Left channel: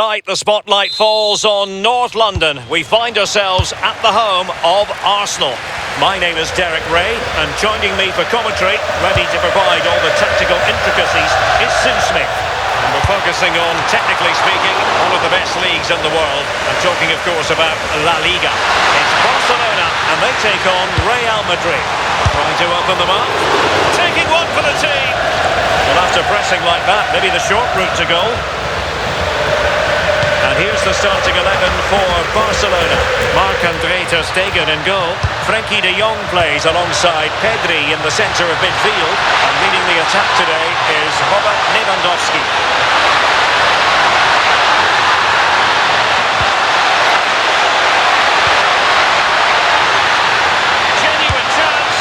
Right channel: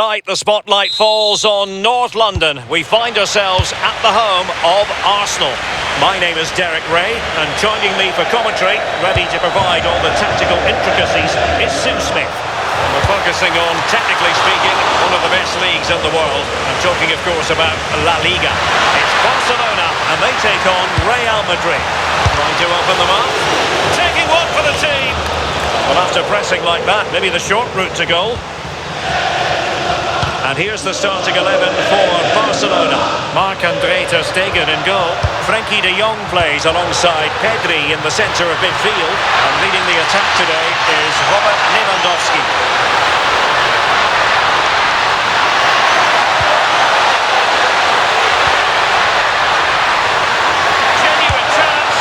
Right, the spotlight falls on North London. We find ourselves at the home of Arsenal. My name is Derek Ray, and joining me for commentary, ready to provide all the tactical intricacies, is Sue Smith. And we're focusing on, technically speaking, one of the best leagues in the world. I'm talking, of course, about La Liga. It's Barcelona, and they take on Real Madrid. Trying to open them up. Taking one for the team. Well, after pressing like that, maybe the short route to goal. And here's the starting 11 for Barcelona. Marc-André ter Stegen in goal. Frenkie de Jong plays alongside Persie in the centre of midfield. And leading the attack today is Robert Lewandowski. Genuine chance.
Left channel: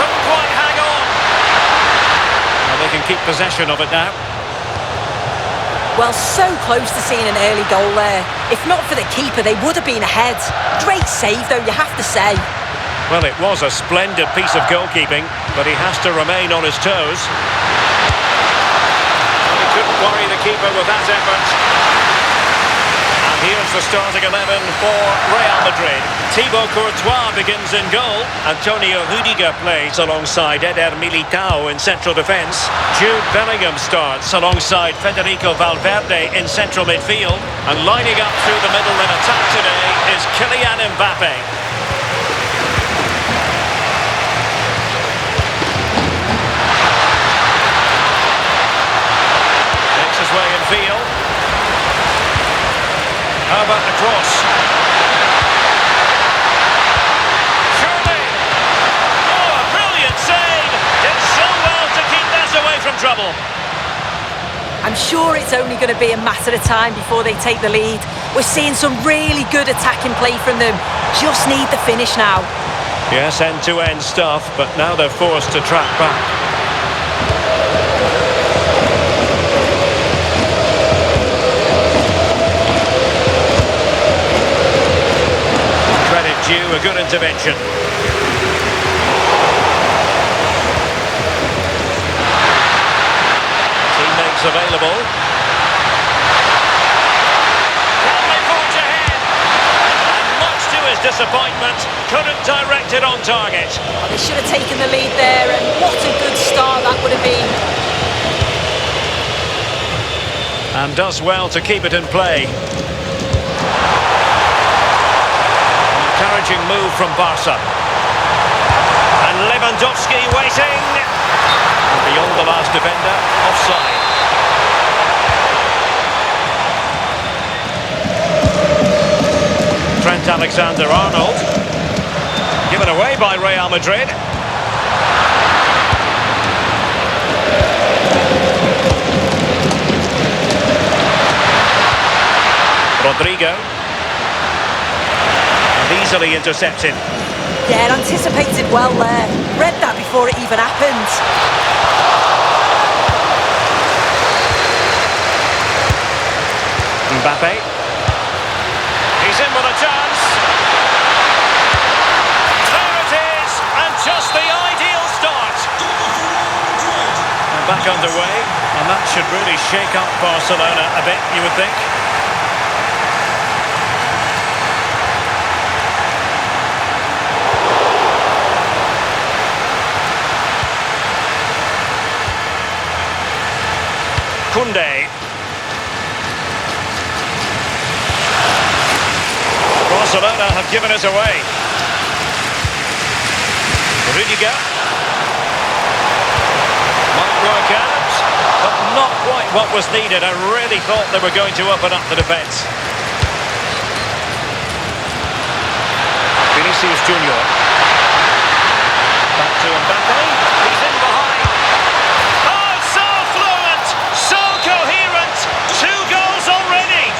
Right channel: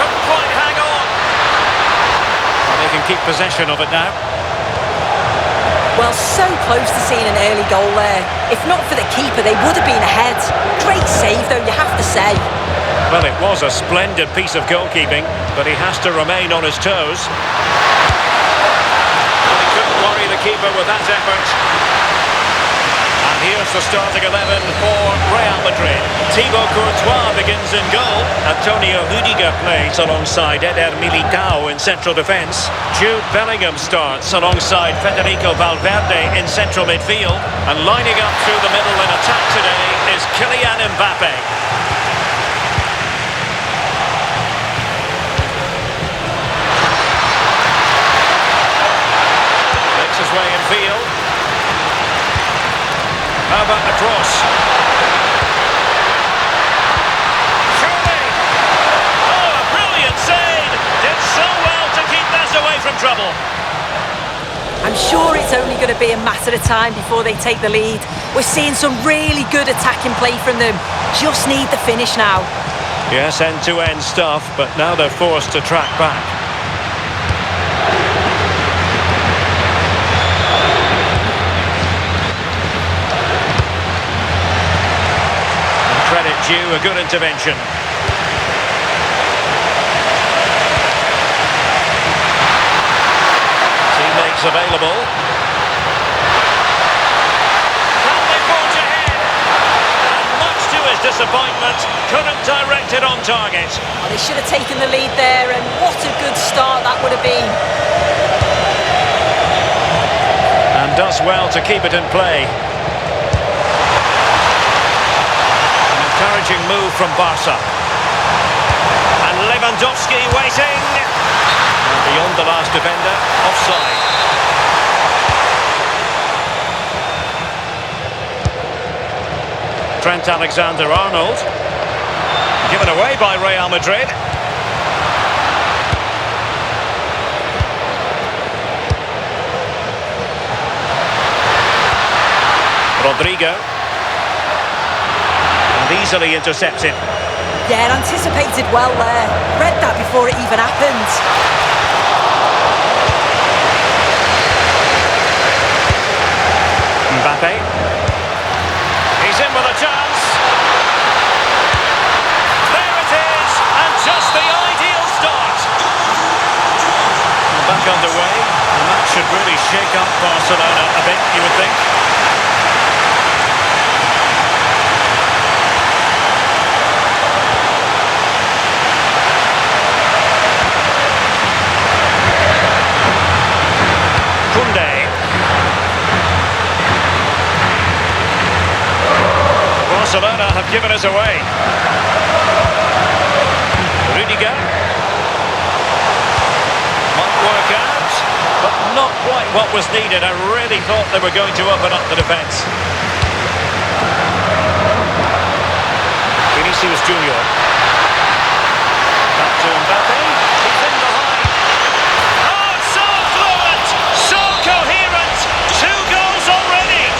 Couldn't quite hang on. Well, they can keep possession of it now. Well, so close to seeing an early goal there. If not for the keeper, they would have been ahead. Great save, though, you have to say. Well, it was a splendid piece of goalkeeping, but he has to remain on his toes. Well, he couldn't worry the keeper with that effort. And here's the starting 11 for Real Madrid. Thibaut Courtois begins in goal. Antonio Rudiger plays alongside Eder Militao in central defence. Jude Bellingham starts alongside Federico Valverde in central midfield. And lining up through the middle in attack today is Kylian Mbappé. Makes his way in field. How about the cross? Surely! Oh, a brilliant save! Did so well to keep that away from trouble. I'm sure it's only going to be a matter of time before they take the lead. We're seeing some really good attacking play from them. Just need the finish now. Yes, end-to-end stuff, but now they're forced to track back. Credit due, a good intervention. Teammates available. Can they forge ahead? And much to his disappointment, couldn't direct it on target. Oh, they should have taken the lead there, and what a good start that would have been. And does well to keep it in play. Encouraging move from Barca. And Lewandowski waiting. And beyond the last defender, offside. Trent Alexander-Arnold. Given away by Real Madrid. Rodrigo. Easily intercepted. Yeah, anticipated well there. Read that before it even happened. Mbappe. He's in with a chance. There it is, and just the ideal start. Well, back underway, and that should really shake up Barcelona a bit, you would think. Barcelona have given us away. Rudiger. Might work out, but not quite what was needed. I really thought they were going to open up the defence. Vinicius Junior. Back to Mbappe. He's in behind. Two goals already.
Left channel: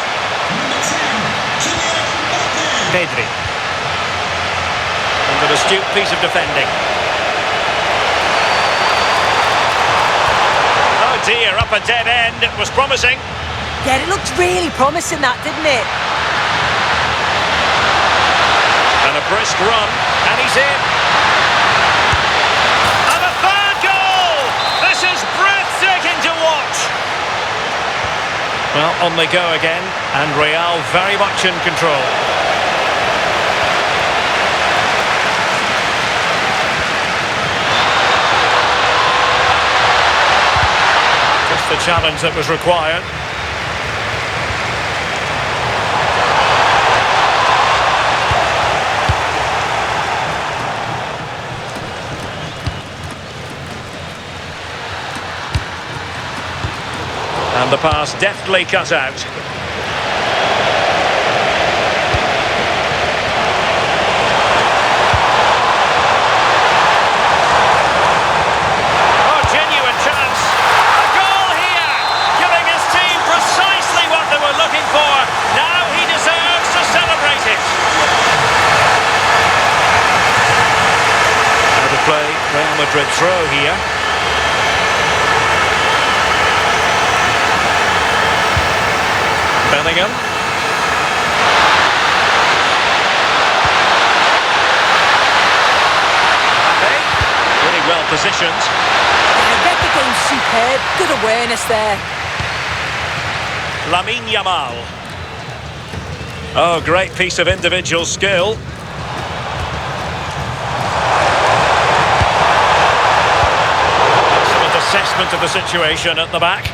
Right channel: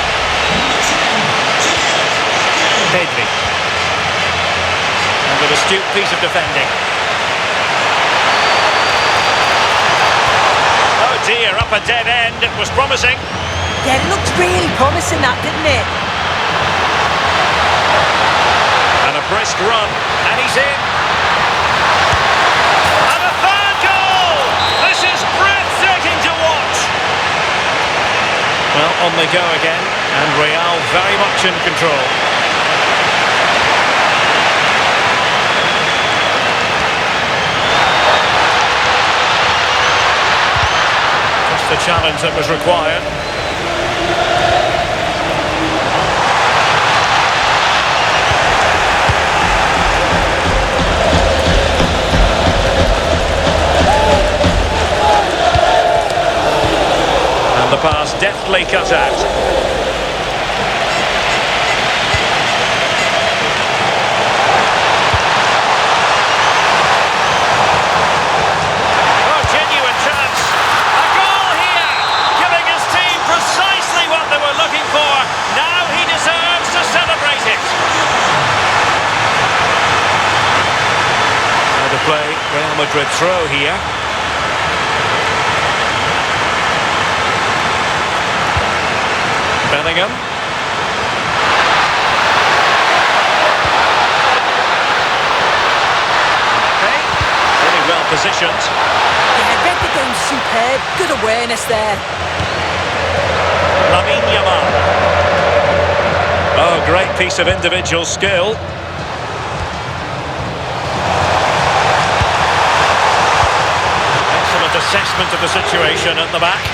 Persie. And an astute piece of defending. Oh dear, up a dead end. It was promising. Yeah, it looked really promising that, didn't it? And a brisk run, and he's in. And a third goal! This is breathtaking to watch. Well, on they go again, and Real very much in control. Just the challenge that was required. And the pass deftly cut out. Oh, genuine chance. A goal here, giving his team precisely what they were looking for. Now he deserves to celebrate it. Out of play, Real Madrid throw here. Bellingham. Mbappé, really well positioned. Yeah, read the game superb. Good awareness there. Lamine Yamal. Oh, great piece of individual skill. Excellent assessment of the situation at the back.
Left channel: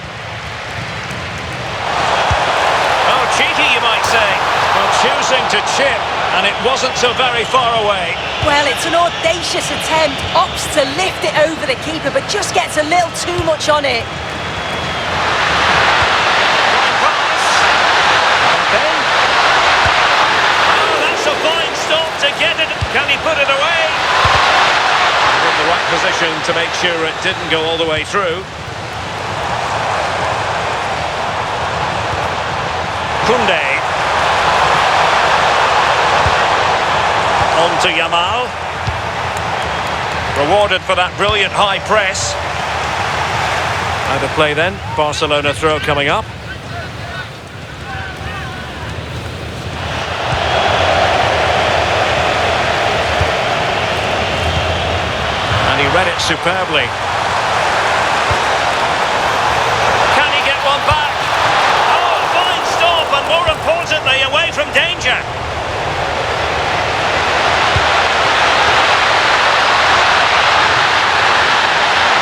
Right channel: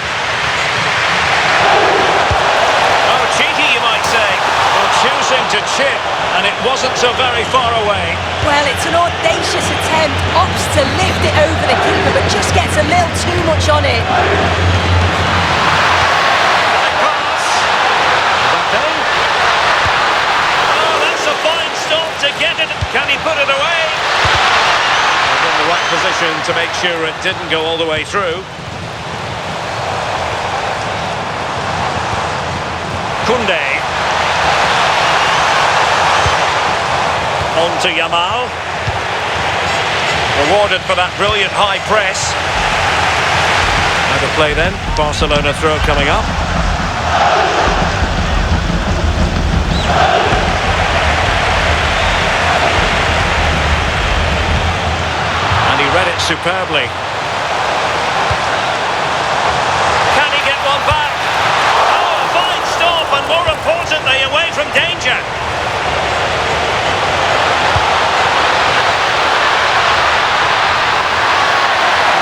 Cheeky, you might say. Well, choosing to chip, and it wasn't so very far away. Well, it's an audacious attempt. Opts to lift it over the keeper, but just gets a little too much on it. Fine pass. Mbappé. Oh, that's a fine stop to get it. Can he put it away? And in the right position to make sure it didn't go all the way through. Koundé. On to Yamal. Rewarded for that brilliant high press. Out of play then. Barcelona throw coming up. And he read it superbly. Can he get one back? And more importantly, away from danger.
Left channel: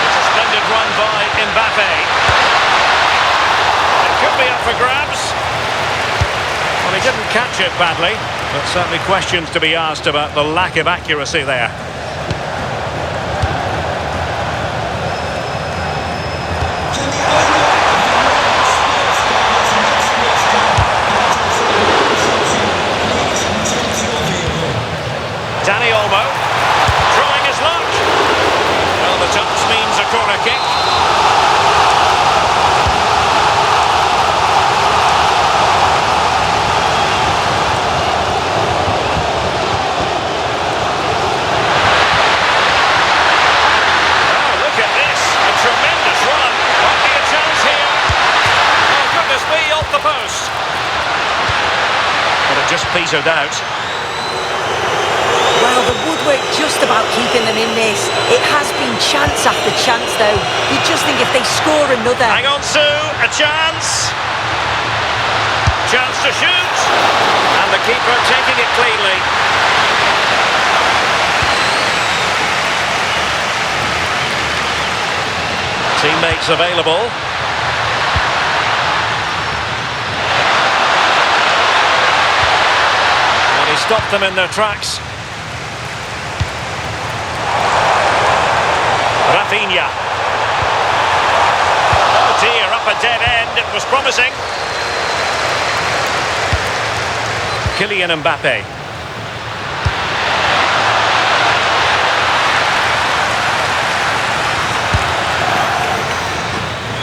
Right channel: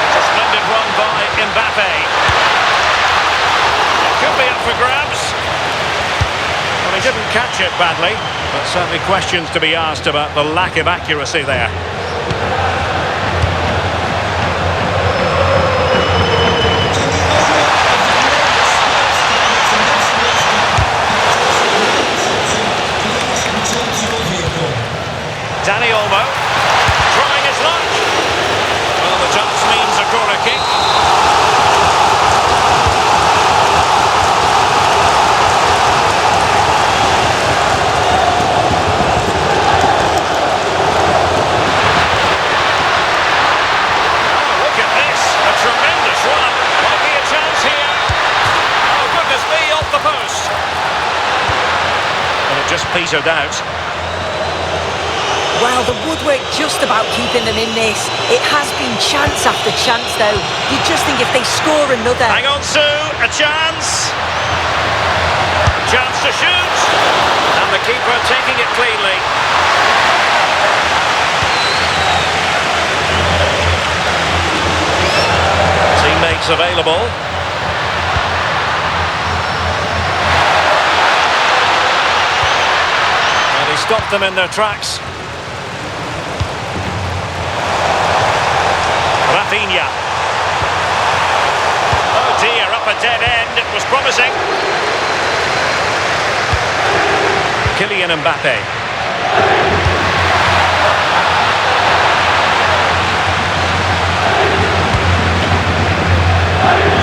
It's a splendid run by Mbappé. It could be up for grabs. Well, he didn't catch it badly, but certainly questions to be asked about the lack of accuracy there. Danny Olmo, trying his luck. Well, the touch means a corner kick. Oh, look at this. A tremendous run. Might be a chance here. Oh, goodness me, off the post. But it just petered out. Well, the woodwork just about keeping them in this. It has been chance after chance, though. You just think if they score another... Hang on, Sue. A chance. Chance to shoot. And the keeper taking it cleanly. Teammates available. Well, he stopped them in their tracks. Rafinha. Oh dear, up a dead end. It was promising. Kylian Mbappé.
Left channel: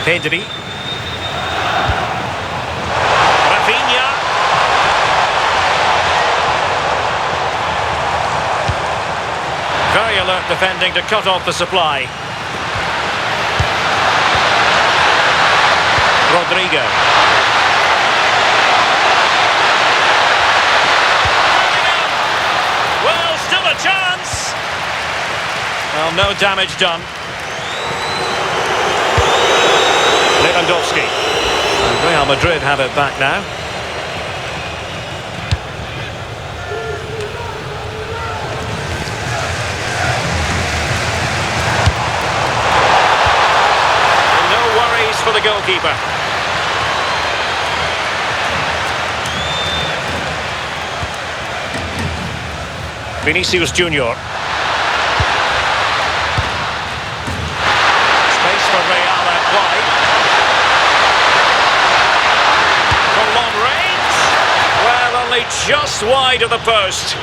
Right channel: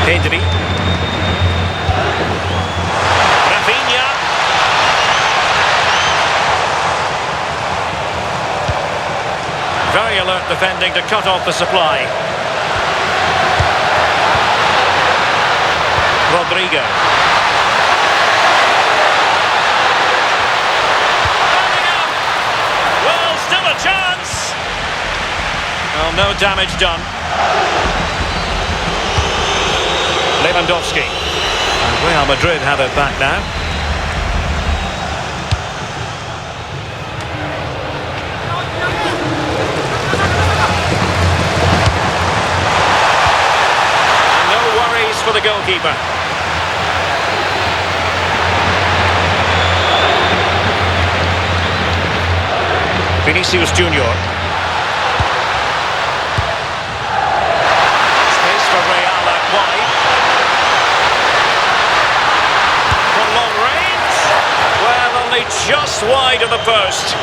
Persie. Rafinha. Very alert defending to cut off the supply. Rodrigo. Bellingham! Well, still a chance! Well, no damage done. Lewandowski. And Real Madrid have it back now. And no worries for the goalkeeper. Vinicius Junior. Space for Real out wide. From long range. Well, only just wide of the post.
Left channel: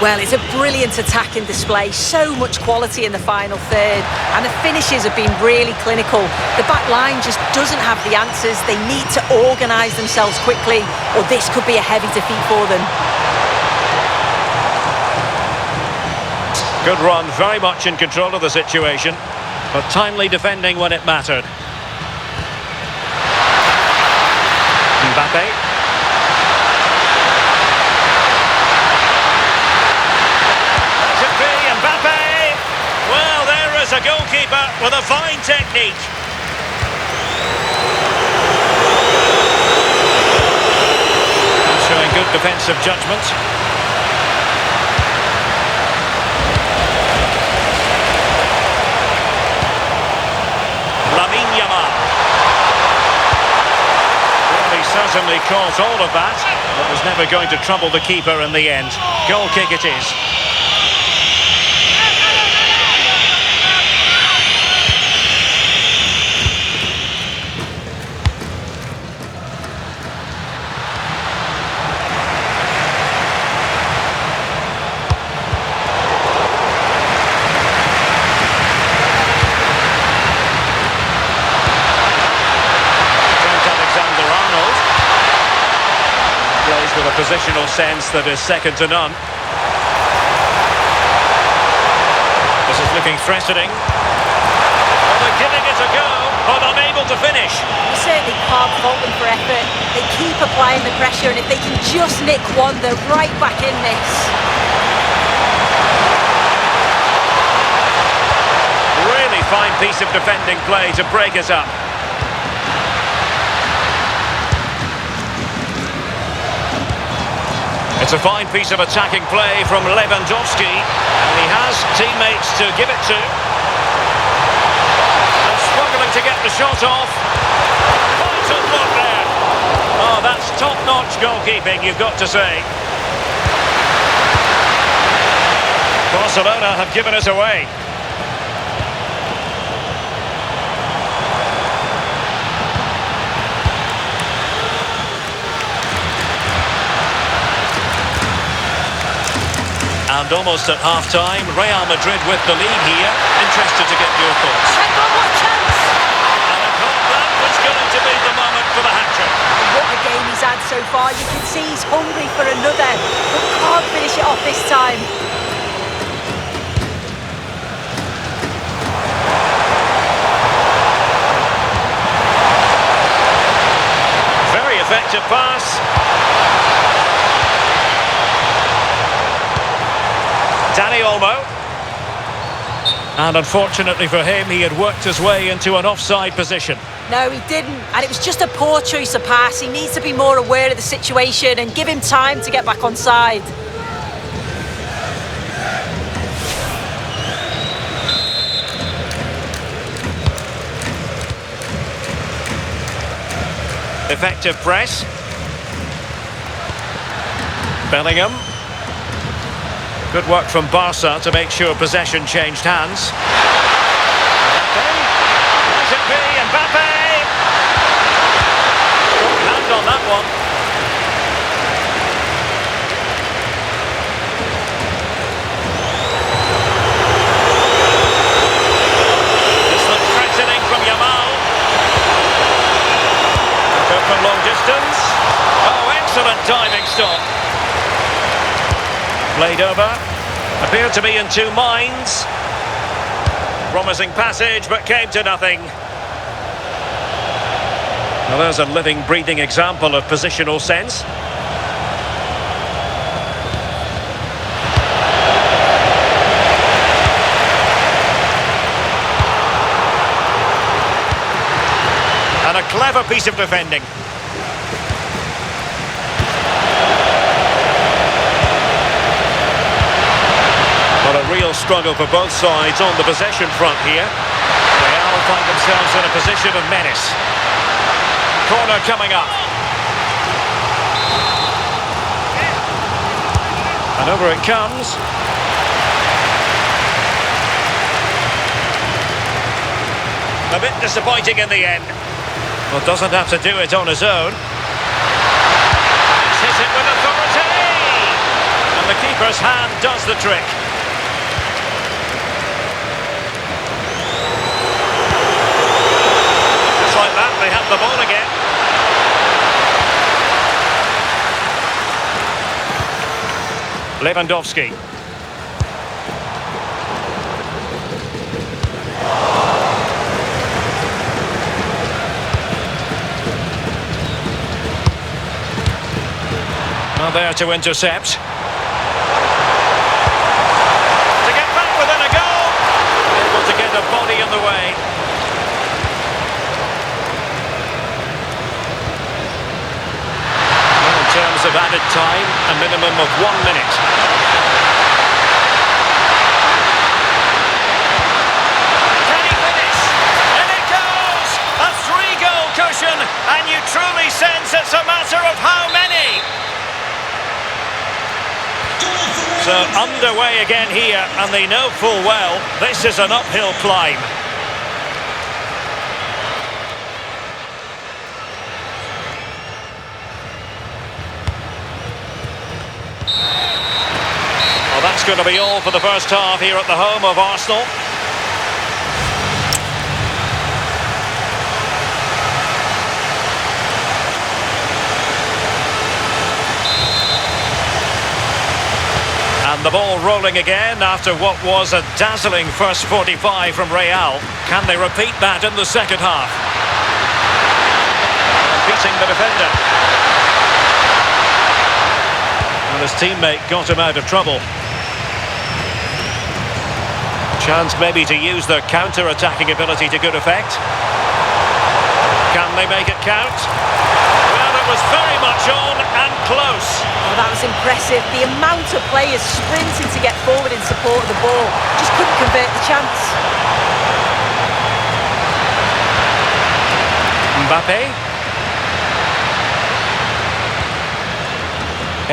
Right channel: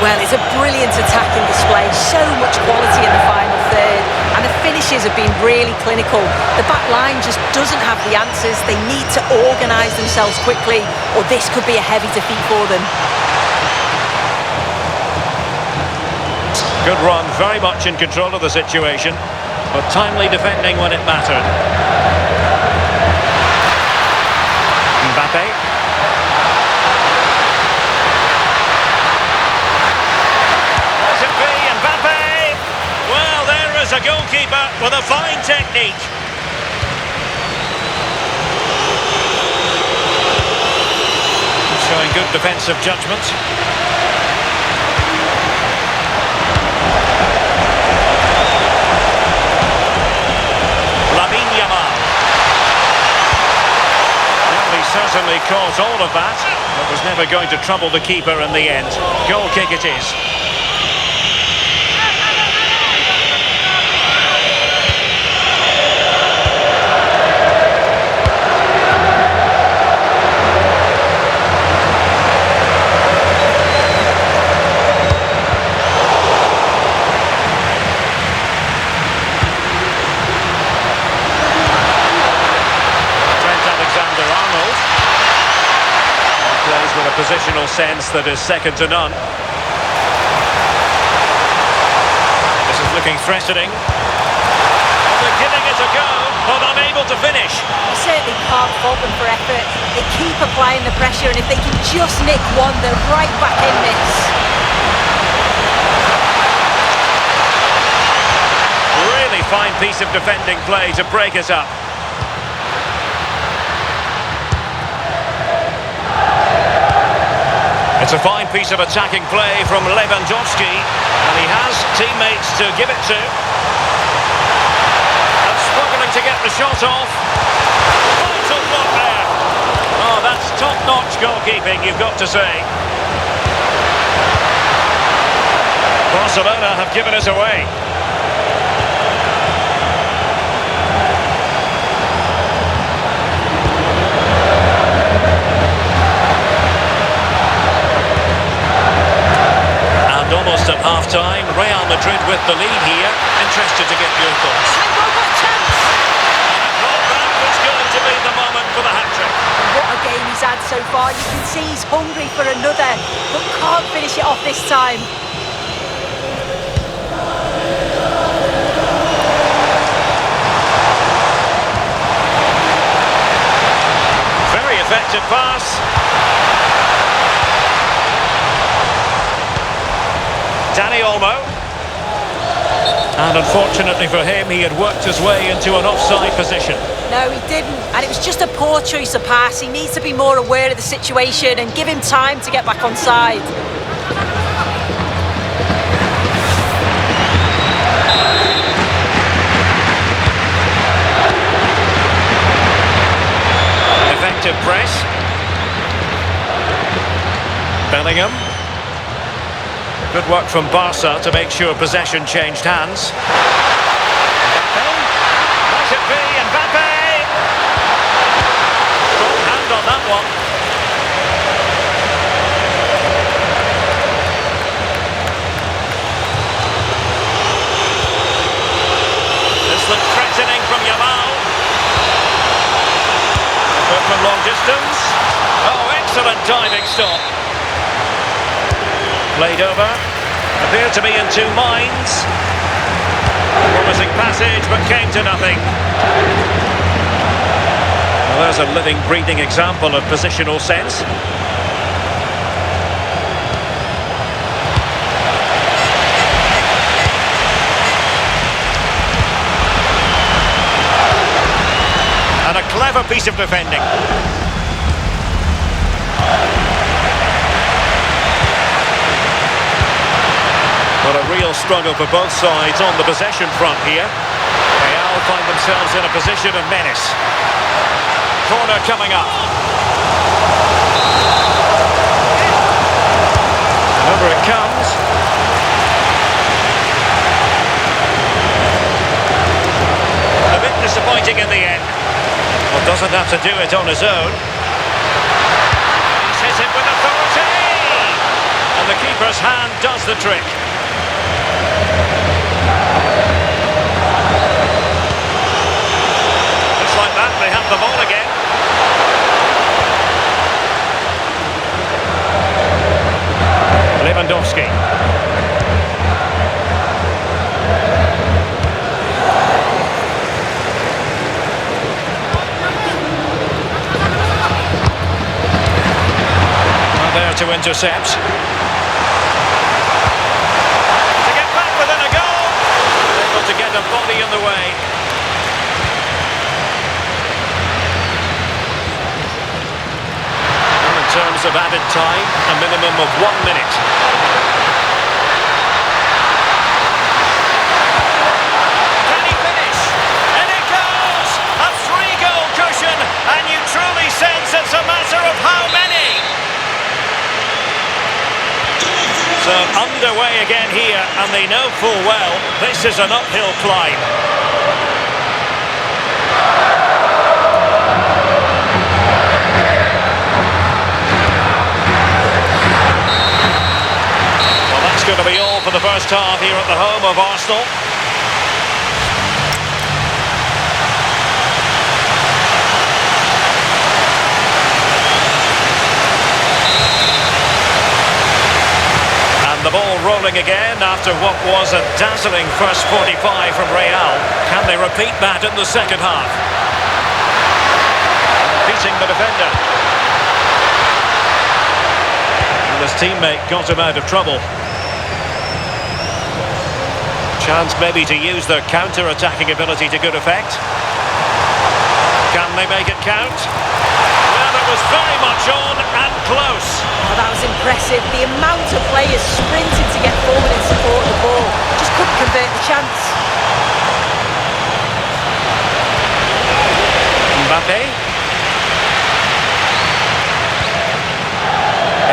Well, it's a brilliant attacking display. So much quality in the final third. And the finishes have been really clinical. The back line just doesn't have the answers. They need to organise themselves quickly, or this could be a heavy defeat for them. Good run, very much in control of the situation, but timely defending when it mattered. Mbappe. Let it be, Mbappe! Well, there is a goalkeeper with a fine technique. Showing good defensive judgment. Well, he certainly caught all of that, but was never going to trouble the keeper in the end. Goal kick it is. Alexander-Arnold plays with a positional sense that is second to none. This is looking threatening. Well, they're giving it a go, but unable to finish. You certainly can't fault them for effort. They keep applying the pressure, and if they can just nick one, they're right back in this. Really fine piece of defending play to break it up. It's a fine piece of attacking play from Lewandowski, and he has teammates to give it to. And struggling to get the shot off. Vital block there. Oh, that's top-notch goalkeeping, you've got to say. Barcelona have given it away. And almost at half-time, Real Madrid with the lead here. Interested to get your thoughts. Hang on, what a chance! And I thought that was going to be the moment for the hat-trick. What a game he's had so far. You can see he's hungry for another, but can't finish it off this time. Very effective pass. Dani Olmo. And unfortunately for him, he had worked his way into an offside position. No, he didn't. And it was just a poor choice of pass. He needs to be more aware of the situation and give him time to get back on side. Effective press. Bellingham. Good work from Barca to make sure possession changed hands. Mbappe. Let it be, Mbappe! Strong hand on that one. This looks threatening from Yamal. Effort from long distance. Oh, excellent diving stop. Played over, appeared to be in two minds. Promising passage, but came to nothing. Well, there's a living, breathing example of positional sense. And a clever piece of defending. But a real struggle for both sides on the possession front here. Real find themselves in a position of menace. Corner coming up. And over it comes. A bit disappointing in the end. Well, doesn't have to do it on his own. And he's hit it with authority! And the keeper's hand does the trick. Just like that, they have the ball again. Lewandowski. Well, there to intercept. To get back within a goal. Able to get a body in the way. Well, in terms of added time, a minimum of 1 minute. Can he finish? And it goes! A 3-goal cushion, and you truly sense it's a matter of how many. So underway again here, and they know full well this is an uphill climb. Well, that's going to be all for the first half here at the home of Arsenal. And the ball rolling again after what was a dazzling first 45 from Real. Can they repeat that in the second half? Beating the defender. And his teammate got him out of trouble. Chance maybe to use their counter-attacking ability to good effect. Can they make it count? Well, it was very much on and close. Oh, that was impressive. The amount of players sprinting to get forward in support of the ball. Just couldn't convert the chance. Mbappé.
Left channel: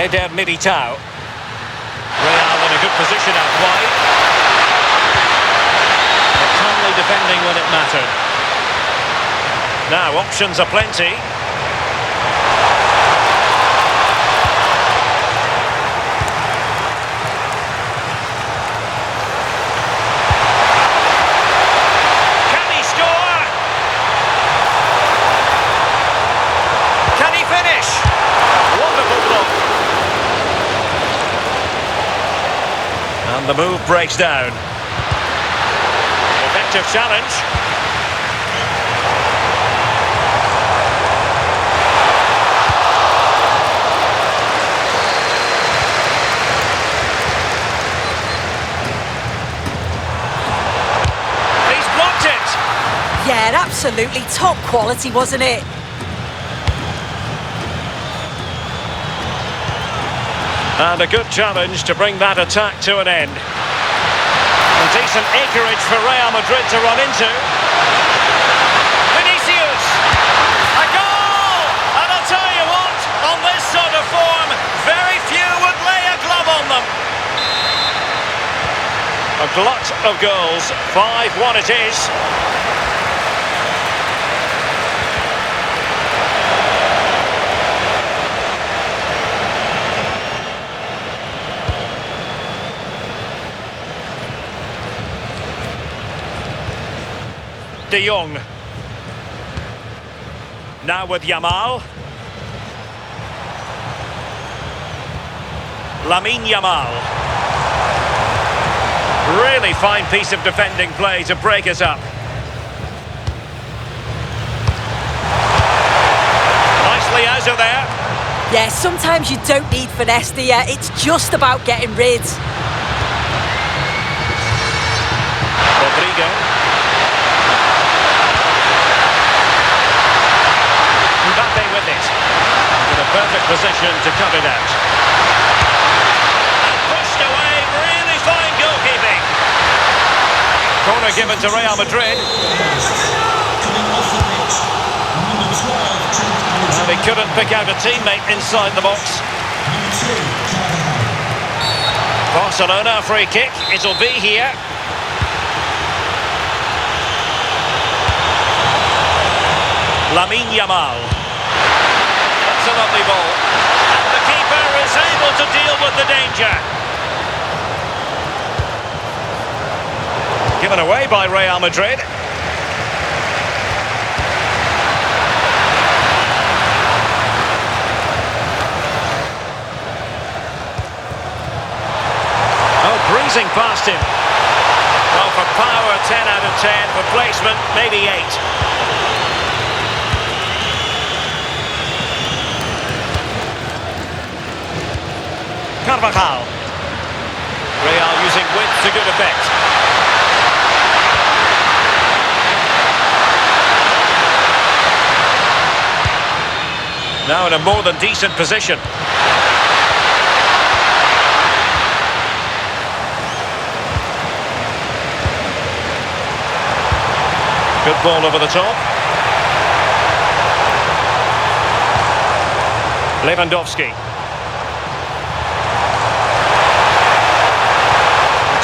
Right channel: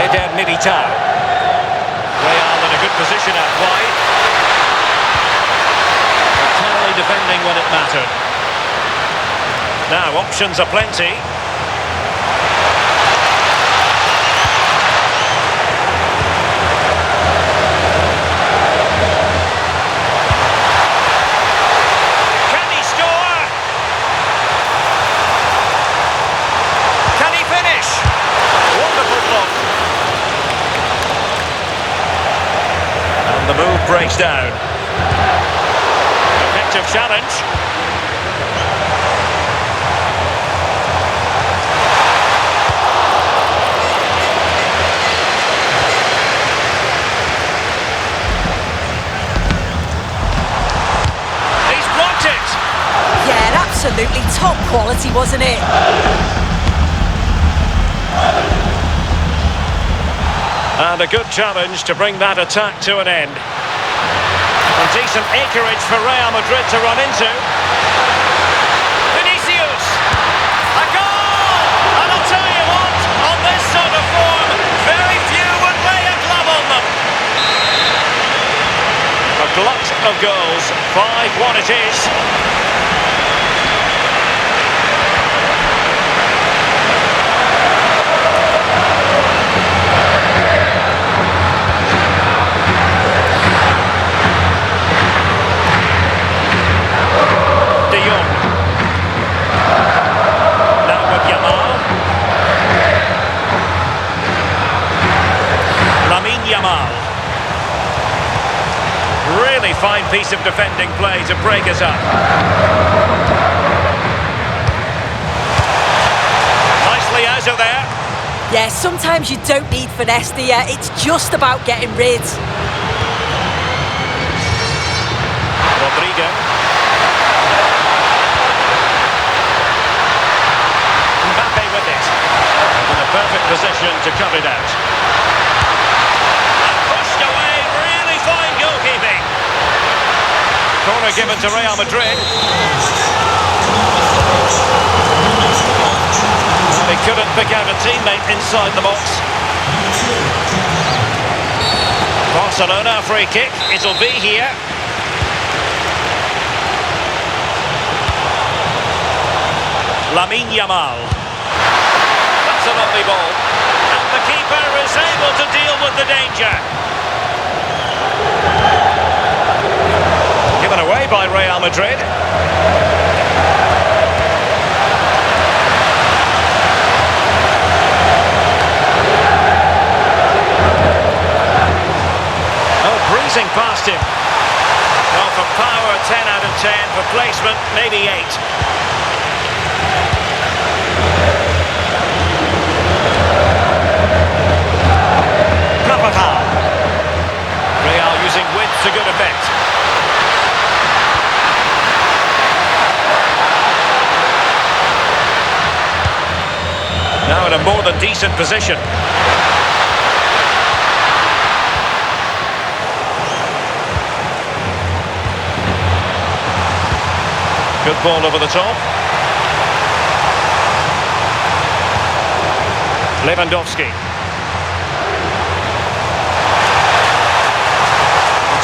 Eder Militao. Real in a good position out wide. But timely defending when it mattered. Now, options are plenty. And the move breaks down. Effective challenge. He's blocked it. Yeah, absolutely top quality, wasn't it? And a good challenge to bring that attack to an end. And decent acreage for Real Madrid to run into. Vinicius! A goal! And I'll tell you what, on this sort of form, very few would lay a glove on them. A glut of goals, 5-1 it is. De Jong. Now with Yamal. Lamine Yamal. Really fine piece of defending play to break us up. Nicely out of there. Yeah, sometimes you don't need finesse, do you? It's just about getting rid. Rodrigo. it. And in a perfect position to cut it out. And pushed away, really fine goalkeeping. Corner given to Real Madrid. And he couldn't pick out a teammate inside the box. Barcelona free kick, it'll be here. Lamine Yamal. That's a lovely ball. And the keeper is able to deal with the danger. Given away by Real Madrid. Oh, breezing past him. Well, for power, 10 out of 10. For placement, maybe 8. Carvajal. Real using width to good effect. Now in a more than decent position. Good ball over the top. Lewandowski.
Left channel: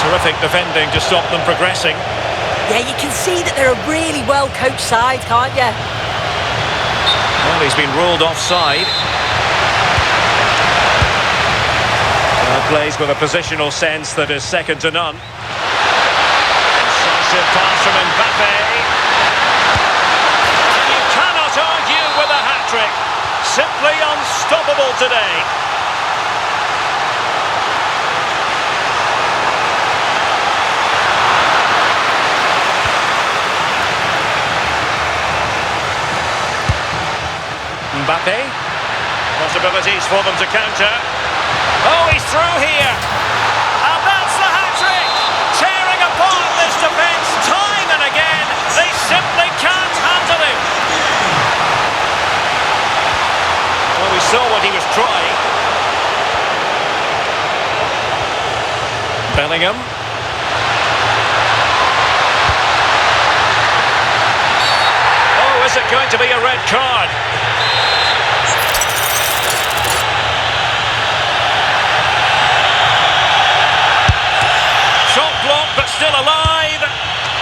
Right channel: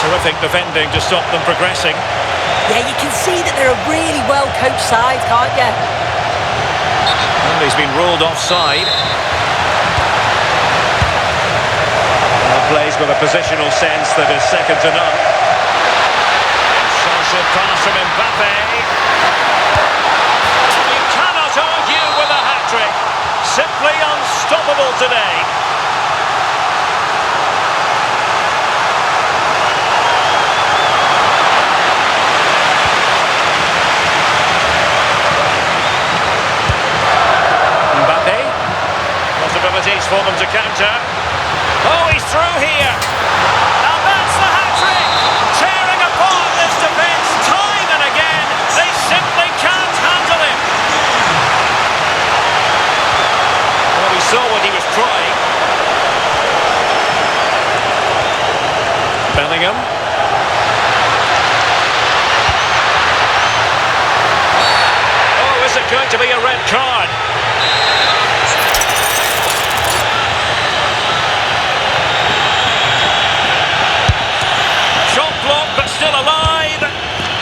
Terrific defending to stop them progressing. Yeah, you can see that they're a really well-coached side, can't you? Well, he's been ruled offside. Plays with a positional sense that is second to none. Incisive pass from Mbappé. And you cannot argue with a hat-trick. Simply unstoppable today. Mbappe. Possibilities for them to counter. Oh, he's through here. And that's the hat-trick. Tearing apart this defence time and again. They simply can't handle him. Well, we saw what he was trying. Bellingham. Oh, is it going to be a red card? Shot blocked, but still alive.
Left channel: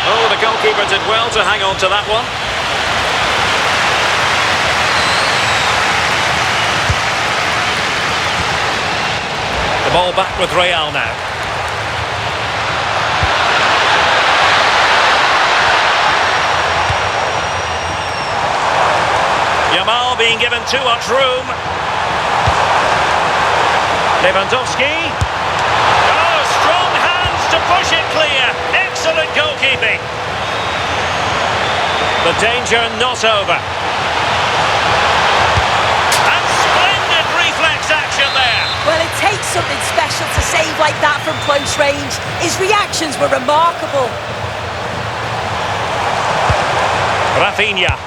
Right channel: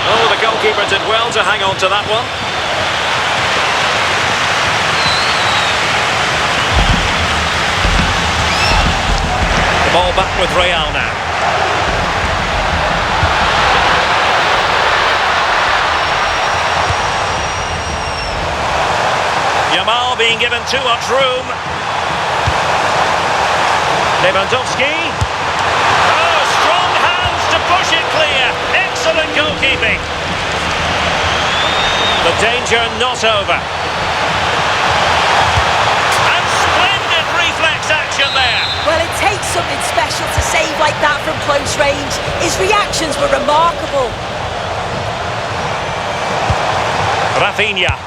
Oh, the goalkeeper did well to hang on to that one. The ball back with Real now. Yamal being given too much room. Lewandowski. Oh, strong hands to push it clear. Excellent goalkeeping. The danger not over. And splendid reflex action there. Well, it takes something special to save like that from close range. His reactions were remarkable. Rafinha.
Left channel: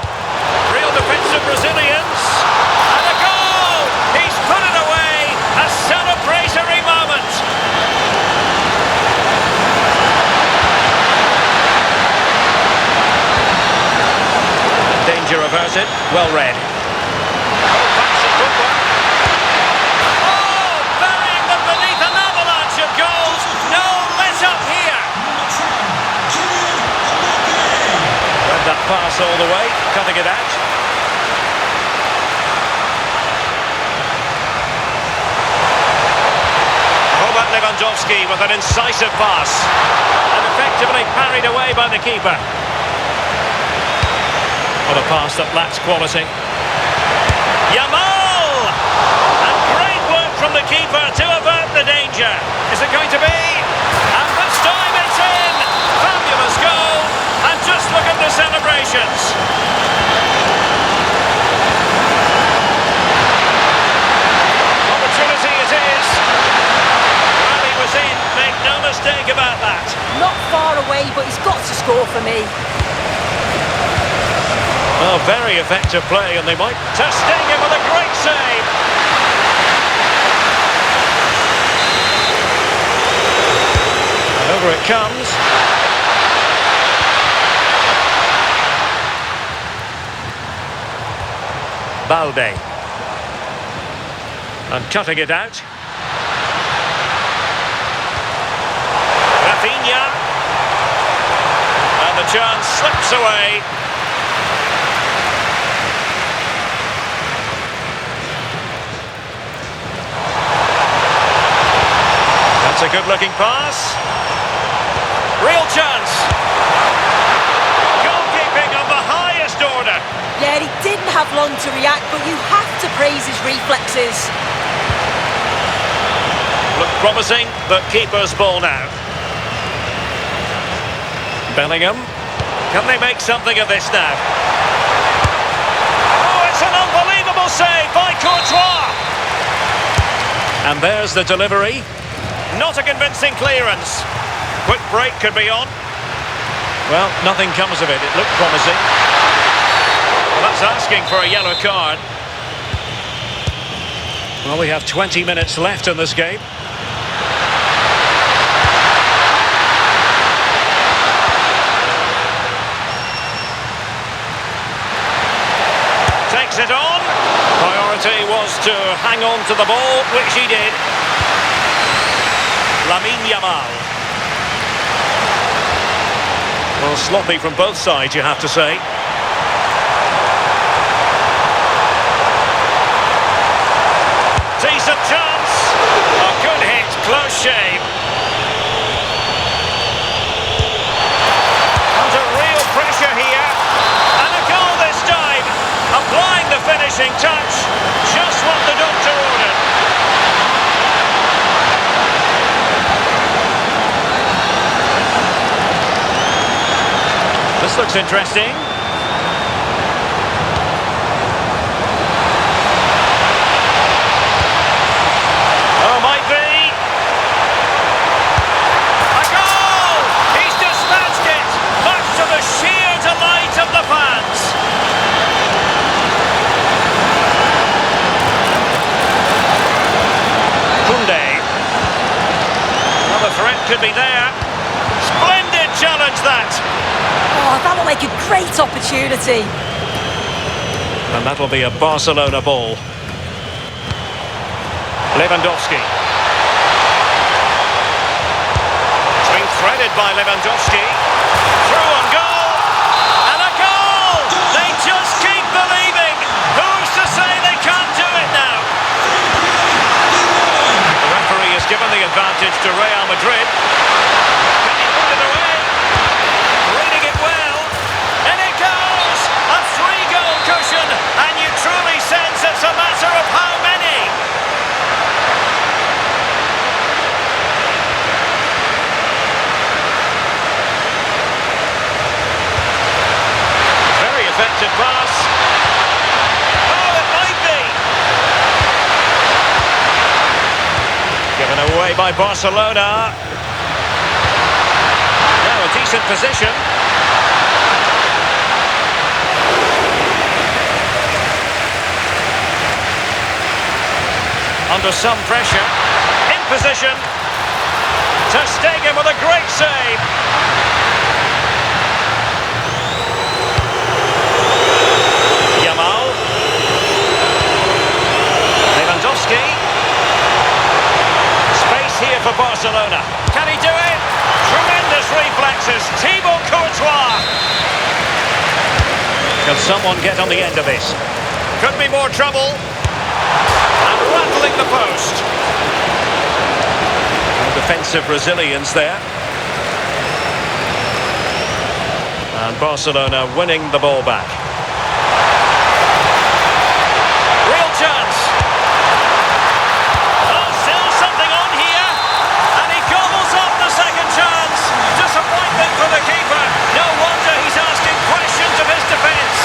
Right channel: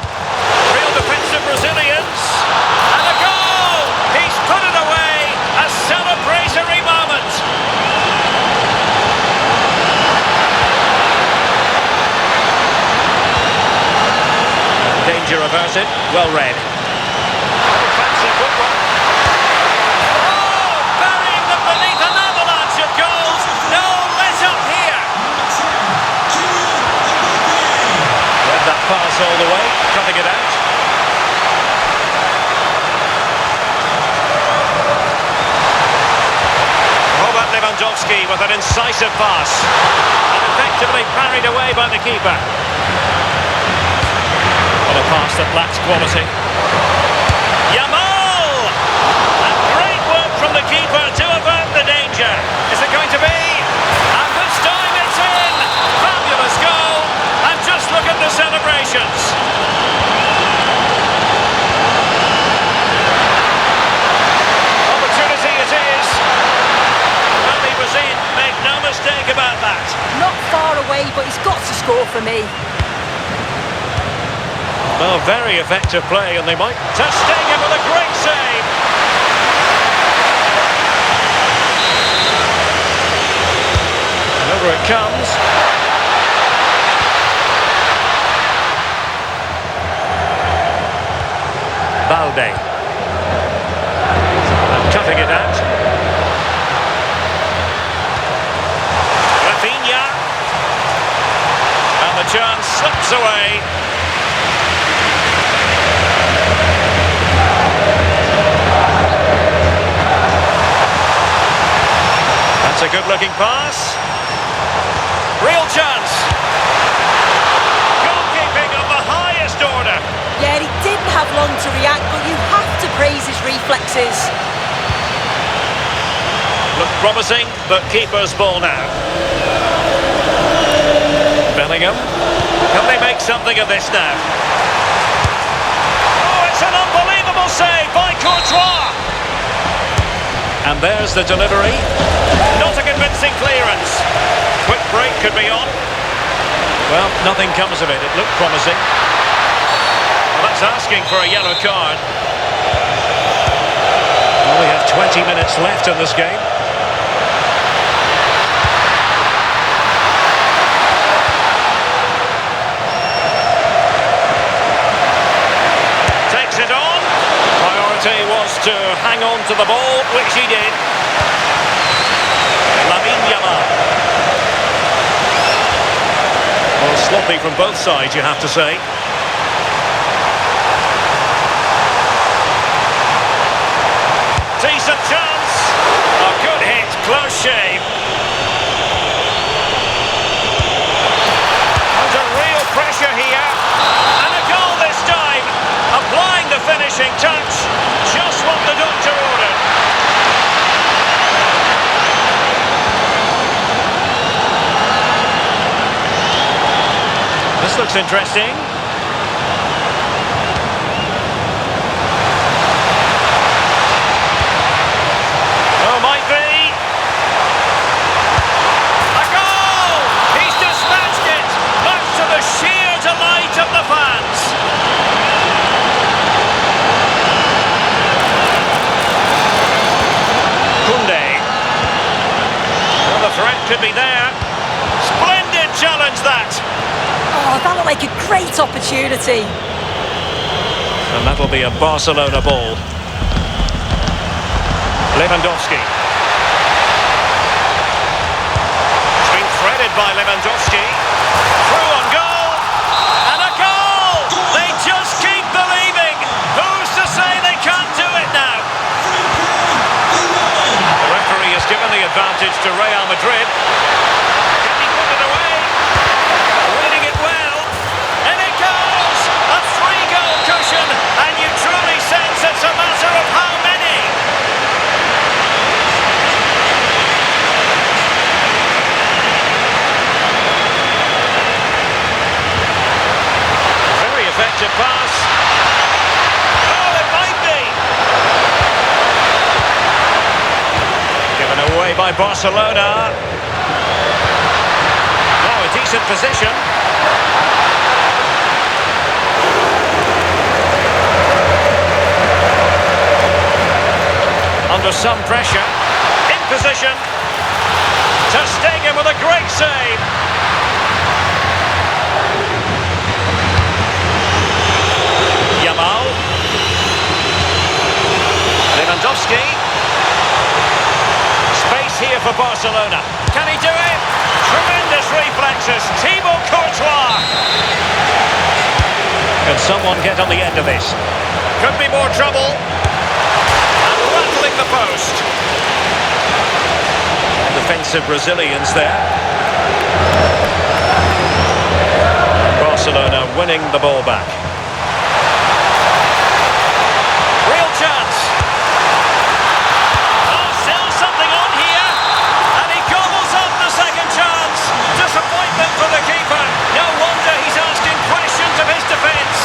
Real defensive Brazilians. And a goal! He's put it away. A celebratory moment. And danger averted. Well read. Oh, fancy footwork. Oh, burying them beneath an avalanche of goals. No let up here. Kylian Mbappé. Read that pass all the way, cutting it out. Robert Lewandowski with an incisive pass and effectively parried away by the keeper. Well, a pass that lacks quality. Yamal! And great work from the keeper to avert the danger. Is it going to be? And this time it's in! Fabulous goal! And just look at the celebrations. Opportunity it is. Well, he was in, make no mistake about that. Not far away, but he's got to score for me. Well, very effective play, and they might... Ter Stegen with a great save. And over it comes. Balde. And cutting it out. Rafinha. And the chance slips away. That's a good-looking pass. Real chance. Goalkeeping of the highest order. Yeah, he didn't have long to react, but you have to praise his reflexes. Looked promising, but keeper's ball now. Bellingham. Can they make something of this now? Oh, it's an unbelievable save by Courtois. And there's the delivery. Not a convincing clearance. Quick break could be on. Well, nothing comes of it. It looked promising. Well, that's asking for a yellow card. Well, we have 20 minutes left in this game. Takes it on. Priority was to hang on to the ball, which he did. Lamine Yamal. Well, sloppy from both sides, you have to say. Decent chance. A good hit, close shave. Under real pressure here. And a goal this time. Applying the finishing touch. Just what the doctor ordered. This looks interesting. Oh, might be. A goal! He's dispatched it, much to the sheer delight of the fans. Koundé. Well, the threat could be there. Splendid challenge, that. Oh, that will make a great opportunity. And that'll be a Barcelona ball. Lewandowski. It's been threaded by Lewandowski. Through on goal. And a goal! They just keep believing. Who's to say they can't do it now? The referee has given the advantage to Real Madrid. Can he put it away? Reading it well. And it goes! A 3-goal cushion. And you truly sense it's a matter of how many. Very effective pass. Oh, it might be. Given away by Barcelona. Now a decent position. Under some pressure. In position. Ter Stegen with a great save. Yamal. Lewandowski. Space here for Barcelona. Can he do it? Tremendous reflexes. Thibaut Courtois. Can someone get on the end of this? Could be more trouble. And rattling the post. Well, defensive resilience there. And Barcelona winning the ball back. Real chance. Oh, still something on here. And he gobbles up the second chance. Disappointment for the keeper. No wonder he's asking questions of his defence.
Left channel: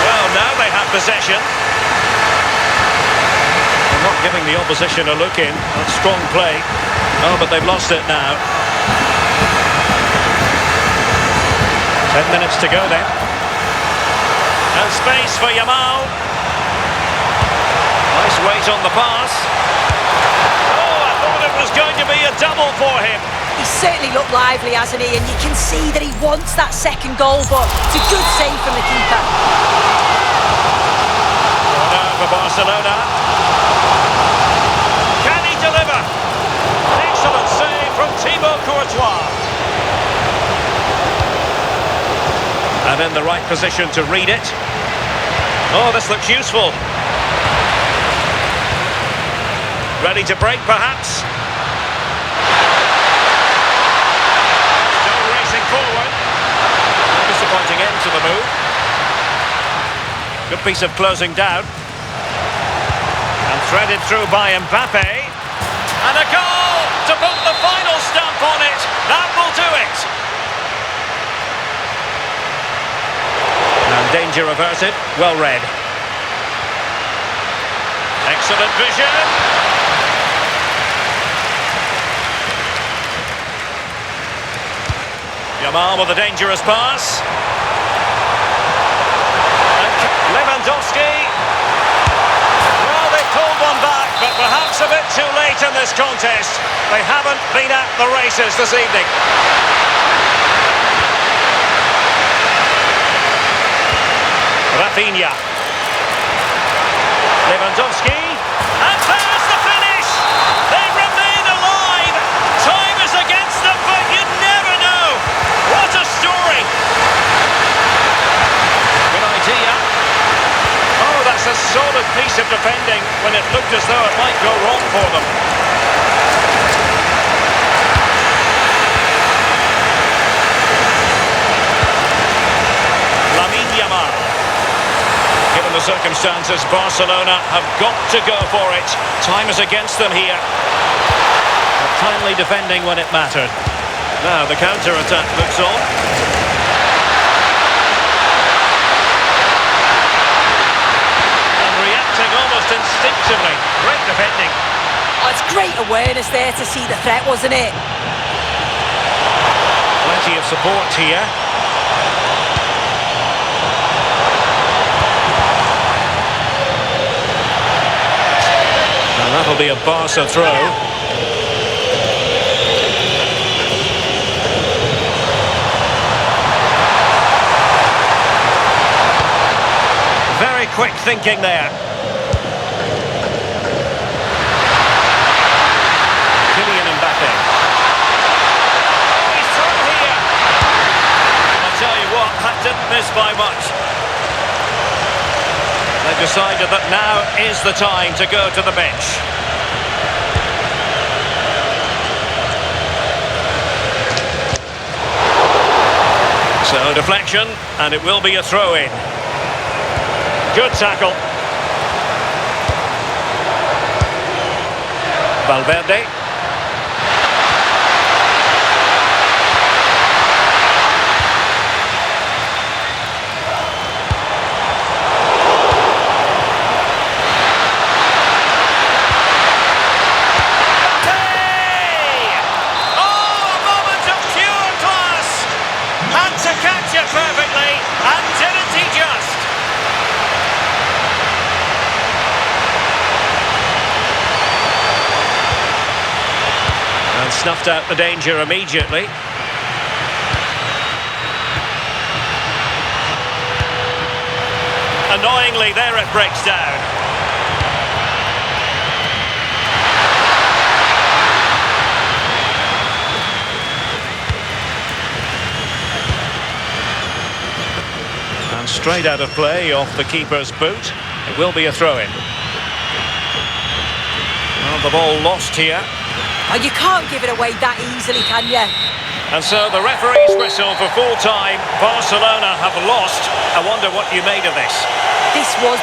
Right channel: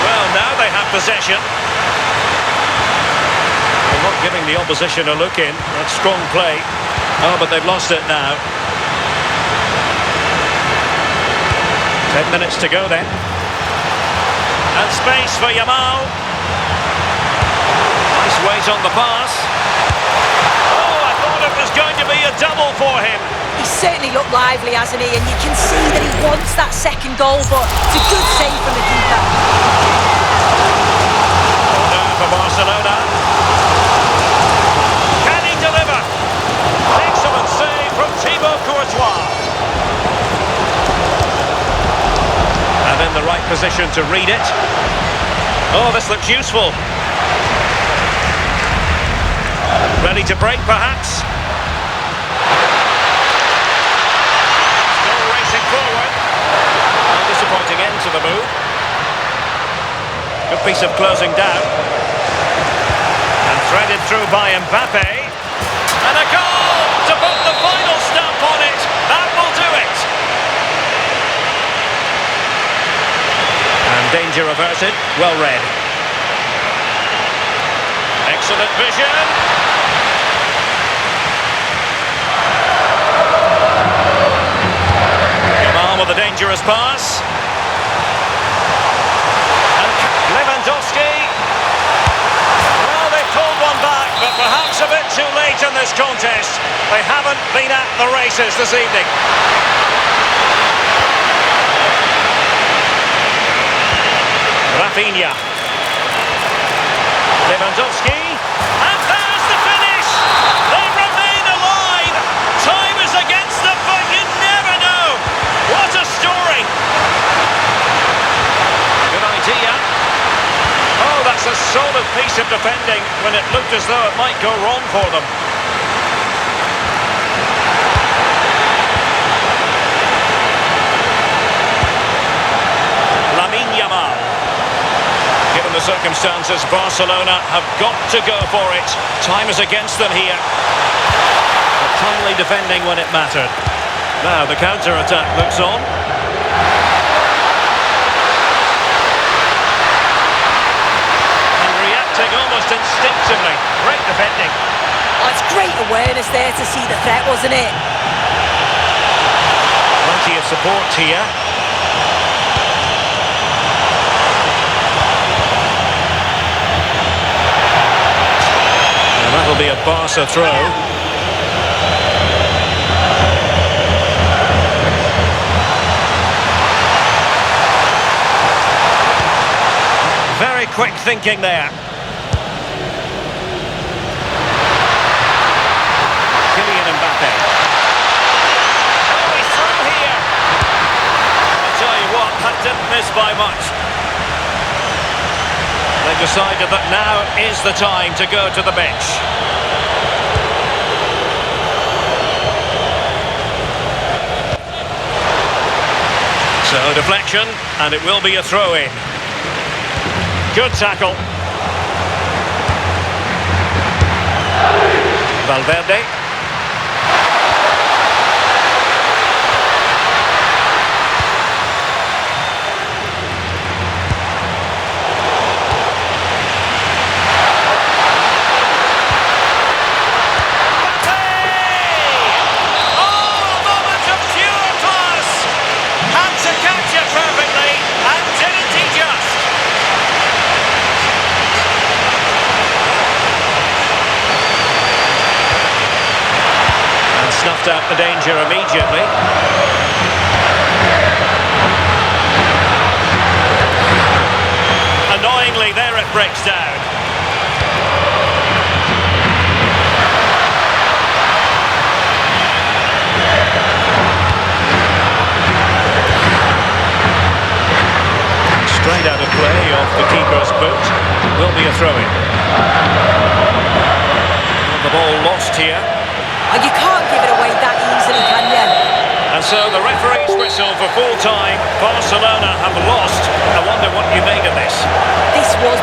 Well, now they have possession. They're not giving the opposition a look in. That's strong play. Oh, but they've lost it now. 10 minutes to go then. And space for Yamal. Nice weight on the pass. Oh, I thought it was going to be a double for him. He's certainly looked lively, hasn't he? And you can see that he wants that second goal, but it's a good save from the keeper. Corner for Barcelona. Can he deliver? Excellent save from Thibaut Courtois. And in the right position to read it. Oh, this looks useful. Ready to break, perhaps. Still racing forward. A disappointing end to the move. Good piece of closing down. And threaded through by Mbappe. And a goal to put the final stamp on it. That will do it. And danger averted. Well read. Excellent vision. Yamal with a dangerous pass. And Lewandowski. Well, they pulled one back, but perhaps a bit too late in this contest. They haven't been at the races this evening. Rafinha. Lewandowski. And there's the finish! They remain alive! Time is against them, but you never know! What a story! Good idea. Oh, that's a solid piece of defending when it looked as though it might go wrong for them. Lamine Yamal. Given the circumstances, Barcelona have got to go for it. Time is against them here. But timely defending when it mattered. Now the counter-attack looks on. And reacting almost instinctively. Great defending. Oh, it's great awareness there to see the threat, wasn't it? Plenty of support here. And that'll be a Barca throw. Very quick thinking there. Kylian Mbappé. Oh, he's through here. And I tell you what, that didn't miss by much. They've decided that now is the time to go to the bench. So deflection, and it will be a throw-in. Good tackle. Valverde. To catch it perfectly, and didn't he just? And snuffed out the danger immediately. Annoyingly, there it breaks down. Straight out of play off the keeper's boot. Will be a throw-in. Well, the ball lost here. Oh, you can't give it away that easily, can you? And so the referee's whistle for full time. Barcelona have lost. I wonder what you made of this. This was